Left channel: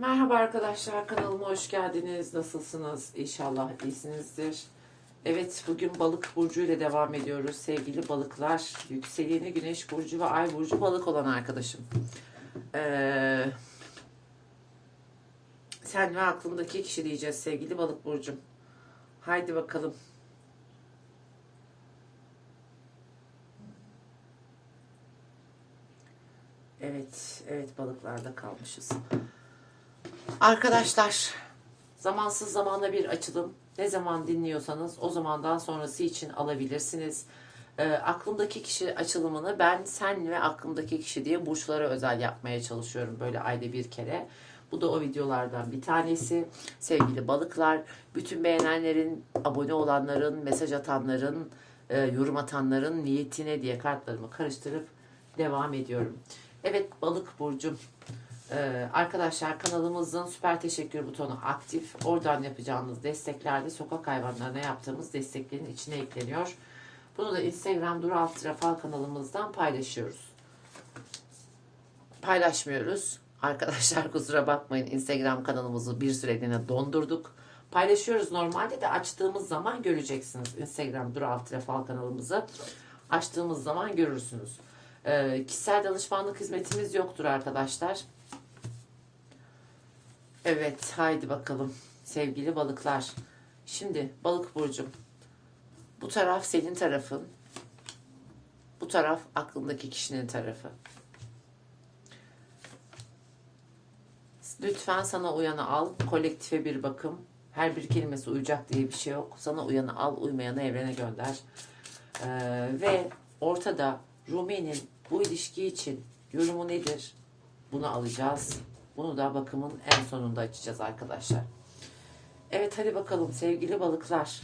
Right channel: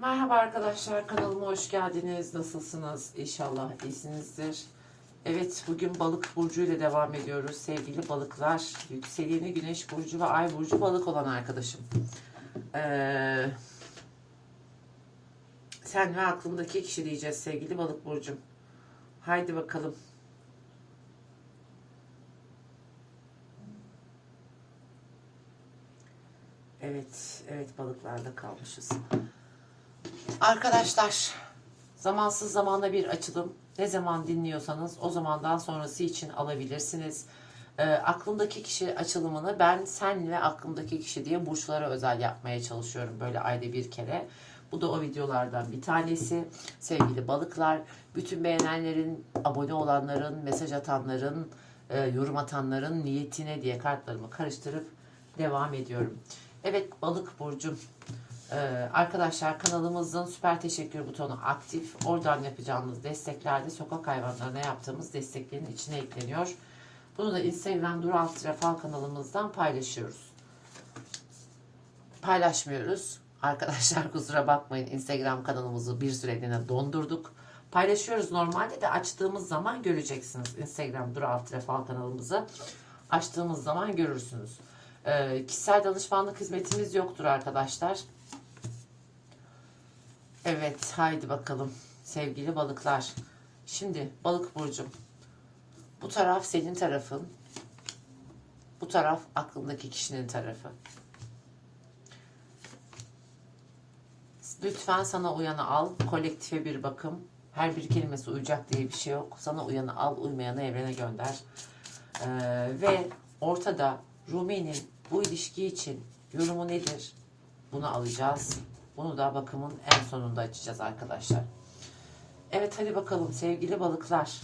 Merhaba arkadaşlar kanalıma hoş geldiniz. Nasılsınız? İnşallah iyisinizdir. Evet bugün balık burcu ile devam ediyoruz. Sevgili balıklar, yükseleni güneş burcu ve ay burcu balık olan arkadaşım. Ee, sen ve aklımdaki kişi diyeceğiz sevgili balık burcum. Haydi bakalım. Evet, evet balıklarda kalmışız. Arkadaşlar, zamansız zamanda bir açılım. Ne zaman dinliyorsanız o zamandan sonrası için alabilirsiniz. Ee, aklımdaki kişi açılımını ben sen ve aklımdaki kişi diye burçlara özel yapmaya çalışıyorum böyle ayda bir kere. Bu da o videolardan bir tanesi. Sevgili balıklar, bütün beğenenlerin, abone olanların, mesaj atanların, e, yorum atanların niyetine diye kartlarımı karıştırıp devam ediyorum. Evet balık burcum. Ee, arkadaşlar kanalımızın süper teşekkür butonu aktif. Oradan yapacağımız desteklerde sokak hayvanlarına yaptığımız desteklerin içine ekleniyor. Bunu da Instagram Dur Alt Rafal kanalımızdan paylaşıyoruz. Paylaşmıyoruz. Arkadaşlar kusura bakmayın Instagram kanalımızı bir süreliğine dondurduk. Paylaşıyoruz normalde de açtığımız zaman göreceksiniz. Instagram Dur Alt Rafal kanalımızı açtığımız zaman görürsünüz. Ee, kişisel danışmanlık hizmetimiz yoktur arkadaşlar. Evet haydi bakalım sevgili balıklar. Şimdi balık burcum. Bu taraf senin tarafın. Bu taraf aklındaki kişinin tarafı. Lütfen sana uyanı al. Kolektife bir bakım. Her bir kelimesi uyacak diye bir şey yok. Sana uyanı al, uymayanı evrene gönder. Ee, ve ortada Rumi'nin bu ilişki için yorumu nedir? Bunu alacağız. Bunu da bakımın en sonunda açacağız arkadaşlar. Evet hadi bakalım sevgili balıklar.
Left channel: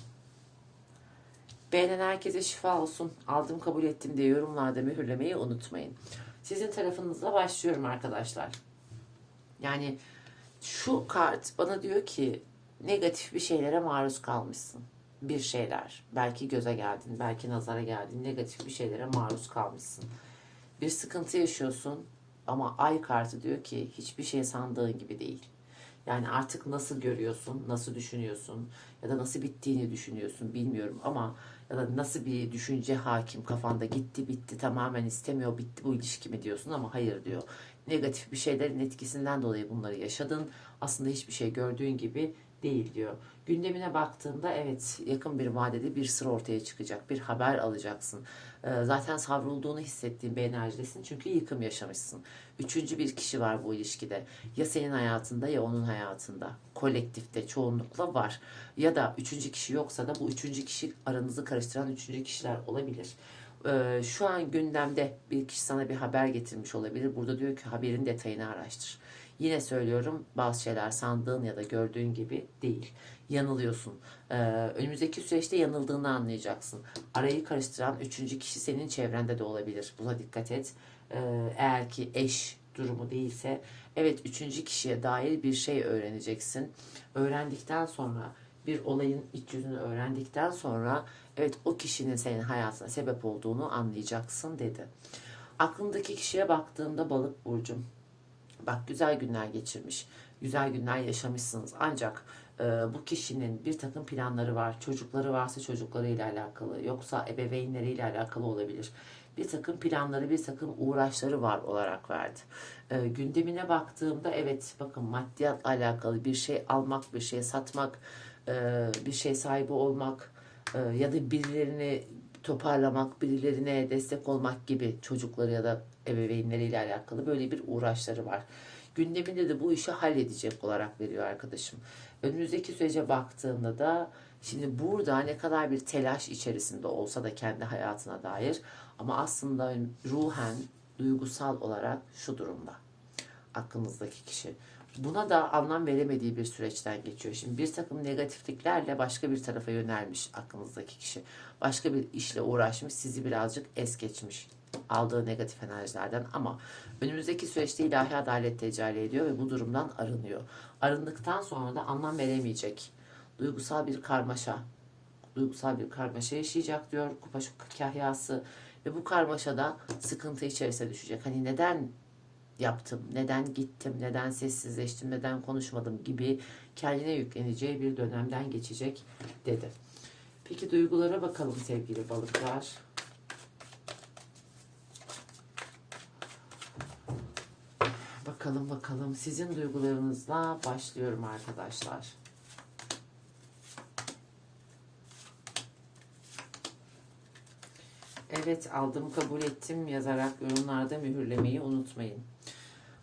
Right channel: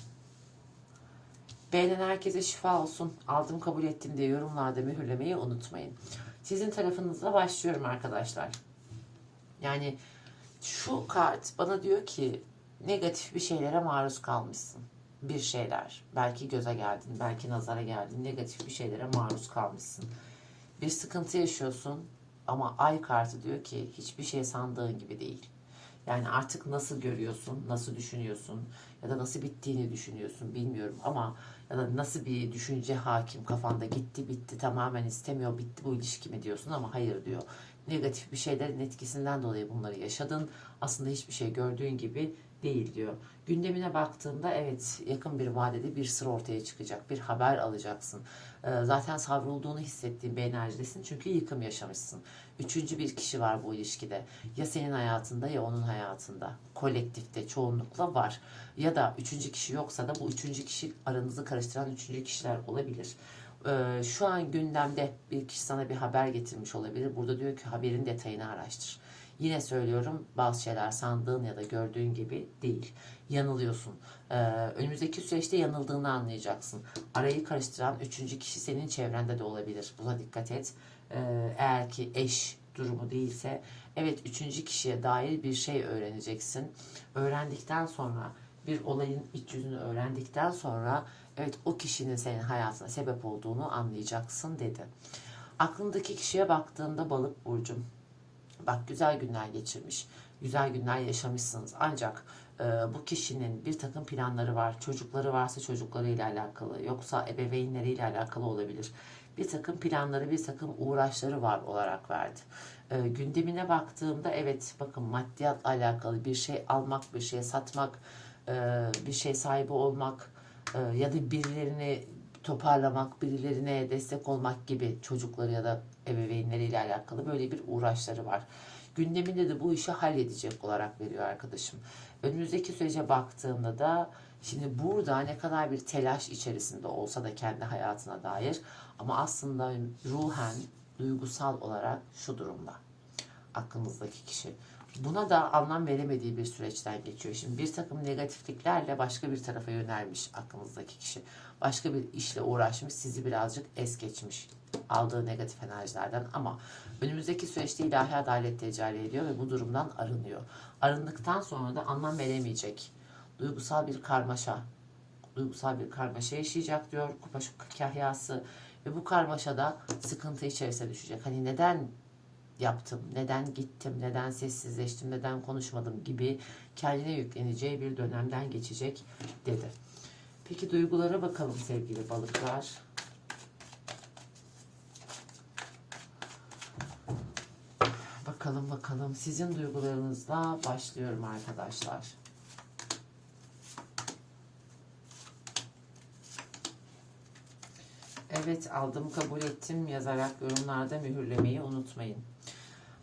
Beğenen herkese şifa olsun. Aldım kabul ettim diye yorumlarda mühürlemeyi unutmayın. Sizin tarafınızla başlıyorum arkadaşlar. Yani şu kart bana diyor ki negatif bir şeylere maruz kalmışsın. Bir şeyler. Belki göze geldin, belki nazara geldin. Negatif bir şeylere maruz kalmışsın. Bir sıkıntı yaşıyorsun ama ay kartı diyor ki hiçbir şey sandığın gibi değil. Yani artık nasıl görüyorsun, nasıl düşünüyorsun ya da nasıl bittiğini düşünüyorsun bilmiyorum ama ya da nasıl bir düşünce hakim kafanda gitti bitti tamamen istemiyor bitti bu ilişki mi diyorsun ama hayır diyor. Negatif bir şeylerin etkisinden dolayı bunları yaşadın. Aslında hiçbir şey gördüğün gibi değil diyor. Gündemine baktığında evet yakın bir vadede bir sır ortaya çıkacak. Bir haber alacaksın. Ee, zaten savrulduğunu hissettiğin bir enerjidesin. Çünkü yıkım yaşamışsın. Üçüncü bir kişi var bu ilişkide. Ya senin hayatında ya onun hayatında. Kolektifte çoğunlukla var. Ya da üçüncü kişi yoksa da bu üçüncü kişi aranızı karıştıran üçüncü kişiler olabilir. Ee, şu an gündemde bir kişi sana bir haber getirmiş olabilir. Burada diyor ki haberin detayını araştır. Yine söylüyorum bazı şeyler sandığın ya da gördüğün gibi değil. Yanılıyorsun. Ee, önümüzdeki süreçte yanıldığını anlayacaksın. Arayı karıştıran üçüncü kişi senin çevrende de olabilir. Buna dikkat et. Ee, eğer ki eş durumu değilse evet üçüncü kişiye dair bir şey öğreneceksin. Öğrendikten sonra bir olayın iç yüzünü öğrendikten sonra evet o kişinin senin hayatına sebep olduğunu anlayacaksın dedi. Aklındaki kişiye baktığında balık burcum Bak güzel günler geçirmiş, güzel günler yaşamışsınız. Ancak e, bu kişinin bir takım planları var. Çocukları varsa çocuklarıyla alakalı, yoksa ebeveynleriyle alakalı olabilir. Bir takım planları, bir takım uğraşları var olarak verdi. E, gündemine baktığımda evet bakın maddiyatla alakalı bir şey almak, bir şey satmak, e, bir şey sahibi olmak e, ya da birilerini toparlamak, birilerine destek olmak gibi çocukları ya da ebeveynleriyle alakalı böyle bir uğraşları var. Gündeminde de bu işi halledecek olarak veriyor arkadaşım. Önümüzdeki sürece baktığımda da şimdi burada ne kadar bir telaş içerisinde olsa da kendi hayatına dair ama aslında ruhen, duygusal olarak şu durumda. Aklımızdaki kişi. Buna da anlam veremediği bir süreçten geçiyor. Şimdi bir takım negatifliklerle başka bir tarafa yönelmiş aklınızdaki kişi. Başka bir işle uğraşmış, sizi birazcık es geçmiş aldığı negatif enerjilerden ama önümüzdeki süreçte ilahi adalet tecelli ediyor ve bu durumdan arınıyor. Arındıktan sonra da anlam veremeyecek. Duygusal bir karmaşa, duygusal bir karmaşa yaşayacak diyor kupa kahyası ve bu karmaşada sıkıntı içerisine düşecek. Hani neden yaptım, neden gittim, neden sessizleştim, neden konuşmadım gibi kendine yükleneceği bir dönemden geçecek dedi. Peki duygulara bakalım sevgili balıklar. Bakalım bakalım sizin duygularınızla başlıyorum arkadaşlar. Evet aldım kabul ettim yazarak yorumlarda mühürlemeyi unutmayın.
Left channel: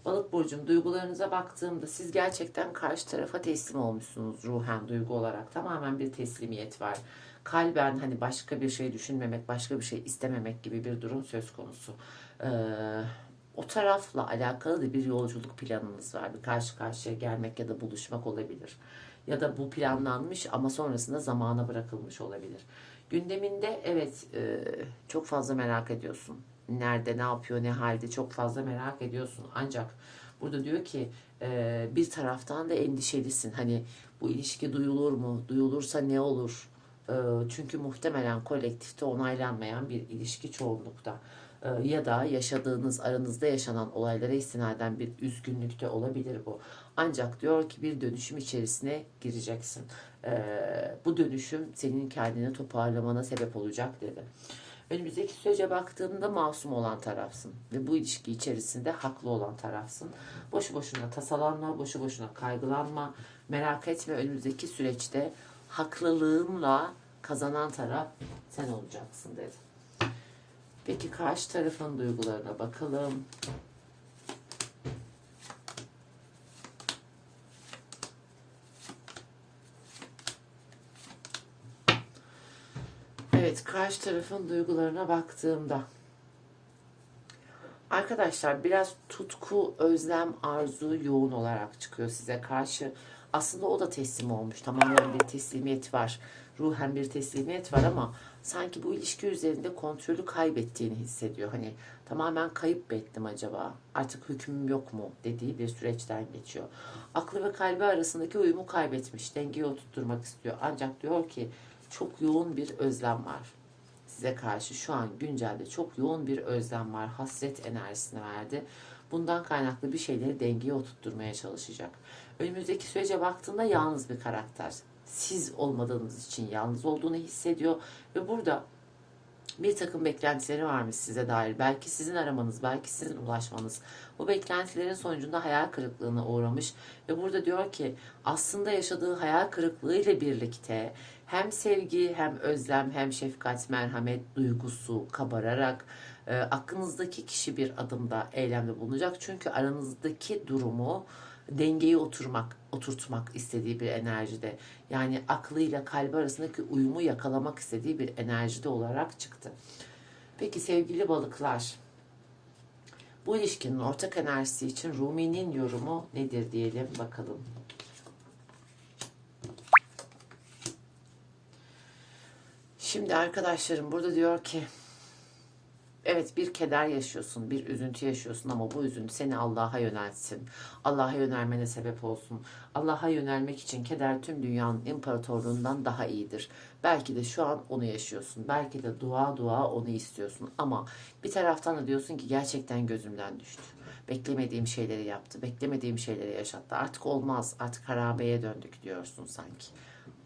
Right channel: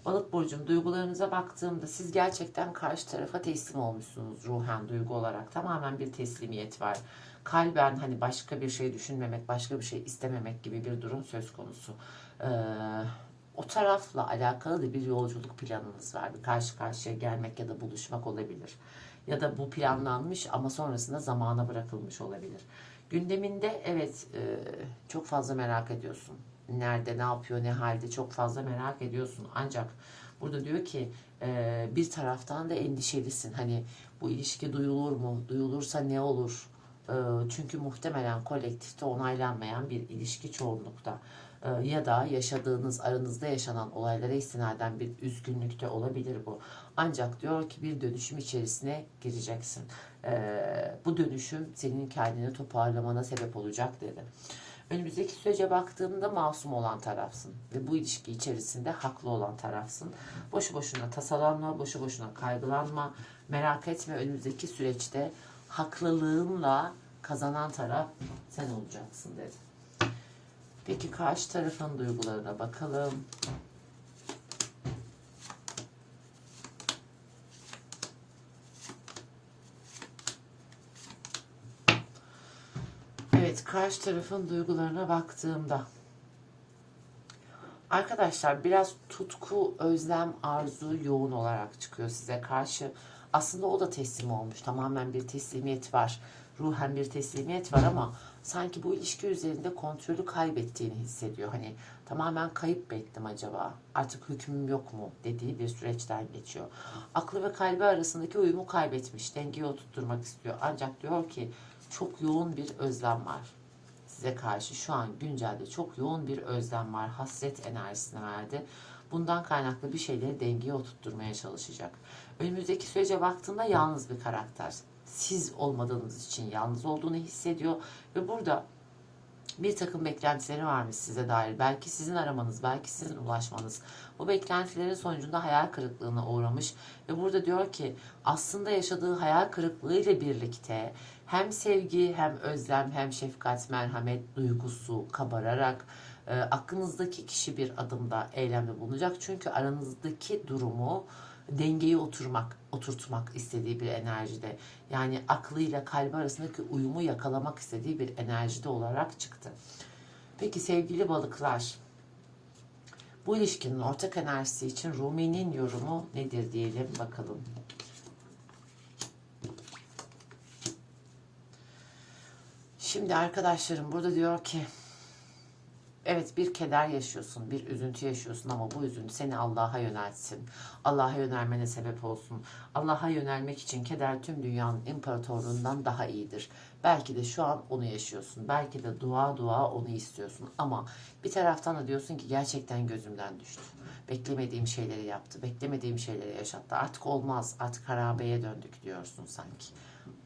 Balık burcum duygularınıza baktığımda siz gerçekten karşı tarafa teslim olmuşsunuz ruhen duygu olarak. Tamamen bir teslimiyet var. Kalben hani başka bir şey düşünmemek, başka bir şey istememek gibi bir durum söz konusu. Ee, o tarafla alakalı da bir yolculuk planınız var. Bir karşı karşıya gelmek ya da buluşmak olabilir. Ya da bu planlanmış ama sonrasında zamana bırakılmış olabilir. Gündeminde evet e, çok fazla merak ediyorsun. Nerede, ne yapıyor, ne halde çok fazla merak ediyorsun. Ancak burada diyor ki e, bir taraftan da endişelisin. Hani bu ilişki duyulur mu? Duyulursa ne olur? E, çünkü muhtemelen kolektifte onaylanmayan bir ilişki çoğunlukta. E, ya da yaşadığınız, aranızda yaşanan olaylara istinaden bir üzgünlükte olabilir bu. Ancak diyor ki bir dönüşüm içerisine gireceksin. Ee, bu dönüşüm senin kendini toparlamana sebep olacak dedi. Önümüzdeki sürece baktığında masum olan tarafsın ve bu ilişki içerisinde haklı olan tarafsın. Boşu boşuna tasalanma, boşu boşuna kaygılanma, merak etme önümüzdeki süreçte haklılığınla kazanan taraf sen olacaksın dedi. Peki karşı tarafın duygularına bakalım. Evet, karşı tarafın duygularına baktığımda arkadaşlar biraz tutku, özlem, arzu yoğun olarak çıkıyor size karşı. Aslında o da teslim olmuş. Tamamen bir teslimiyet var. Ruhen bir teslimiyet var ama sanki bu ilişki üzerinde kontrolü kaybettiğini hissediyor. Hani tamamen kayıp mı ettim acaba? Artık hükmüm yok mu dediği bir süreçten geçiyor. Aklı ve kalbi arasındaki uyumu kaybetmiş. Dengeyi oturtturmak istiyor. Ancak diyor ki çok yoğun bir özlem var. Size karşı şu an güncelde çok yoğun bir özlem var. Hasret enerjisini verdi. Bundan kaynaklı bir şeyleri dengeye oturtturmaya çalışacak. Önümüzdeki sürece baktığında yalnız bir karakter. Siz olmadığınız için yalnız olduğunu hissediyor ve burada bir takım beklentileri varmış size dair. Belki sizin aramanız, belki sizin ulaşmanız. Bu beklentilerin sonucunda hayal kırıklığına uğramış ve burada diyor ki aslında yaşadığı hayal kırıklığı ile birlikte hem sevgi hem özlem hem şefkat merhamet duygusu kabararak e, aklınızdaki kişi bir adımda eylemde bulunacak. Çünkü aranızdaki durumu dengeyi oturmak, oturtmak istediği bir enerjide. Yani aklıyla kalbi arasındaki uyumu yakalamak istediği bir enerjide olarak çıktı. Peki sevgili balıklar, bu ilişkinin ortak enerjisi için Rumi'nin yorumu nedir diyelim bakalım. Şimdi arkadaşlarım burada diyor ki Evet bir keder yaşıyorsun, bir üzüntü yaşıyorsun ama bu üzüntü seni Allah'a yöneltsin. Allah'a yönelmene sebep olsun. Allah'a yönelmek için keder tüm dünyanın imparatorluğundan daha iyidir. Belki de şu an onu yaşıyorsun. Belki de dua dua onu istiyorsun. Ama bir taraftan da diyorsun ki gerçekten gözümden düştü. Beklemediğim şeyleri yaptı. Beklemediğim şeyleri yaşattı. Artık olmaz. Artık harabeye döndük diyorsun sanki.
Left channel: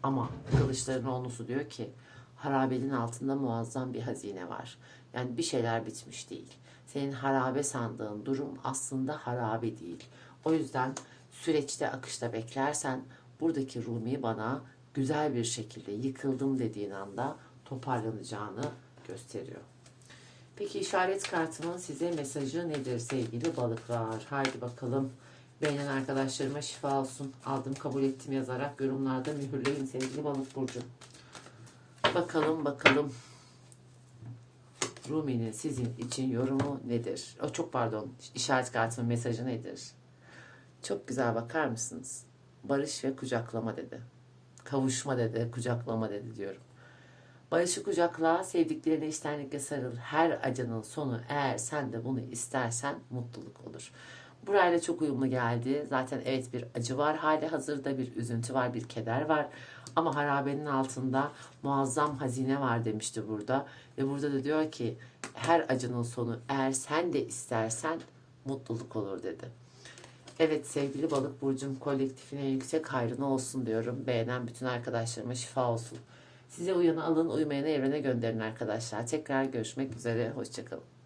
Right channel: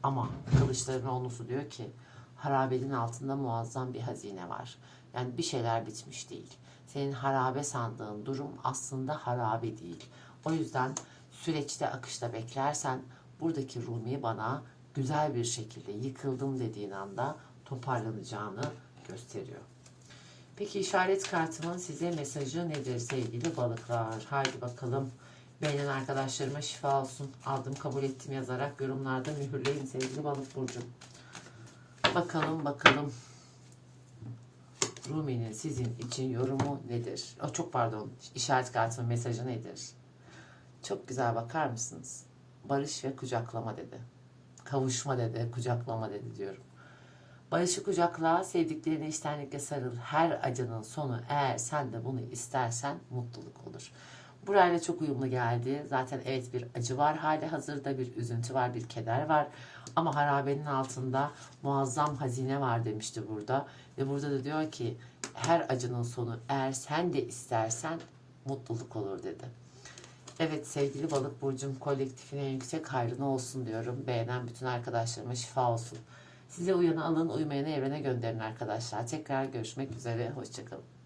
Ama kılıçların olnusu diyor ki harabenin altında muazzam bir hazine var. Yani bir şeyler bitmiş değil. Senin harabe sandığın durum aslında harabe değil. O yüzden süreçte akışta beklersen buradaki Rumi bana güzel bir şekilde yıkıldım dediğin anda toparlanacağını gösteriyor. Peki işaret kartının size mesajı nedir sevgili balıklar? Haydi bakalım. Beğenen arkadaşlarıma şifa olsun. Aldım kabul ettim yazarak yorumlarda mühürleyin sevgili balık burcu. Bakalım bakalım. Rumi'nin sizin için yorumu nedir? O çok pardon. işaret kartının mesajı nedir? Çok güzel bakar mısınız? Barış ve kucaklama dedi. Kavuşma dedi, kucaklama dedi diyorum. Barışı kucakla, sevdiklerine içtenlikle sarıl. Her acının sonu eğer sen de bunu istersen mutluluk olur. Burayla çok uyumlu geldi. Zaten evet bir acı var hali hazırda, bir üzüntü var, bir keder var. Ama harabenin altında muazzam hazine var demişti burada. Ve burada da diyor ki her acının sonu eğer sen de istersen mutluluk olur dedi. Evet sevgili balık burcum kolektifine yüksek hayrına olsun diyorum. Beğenen bütün arkadaşlarıma şifa olsun. Size uyanı alın uymayanı evrene gönderin arkadaşlar. Tekrar görüşmek üzere. Hoşçakalın.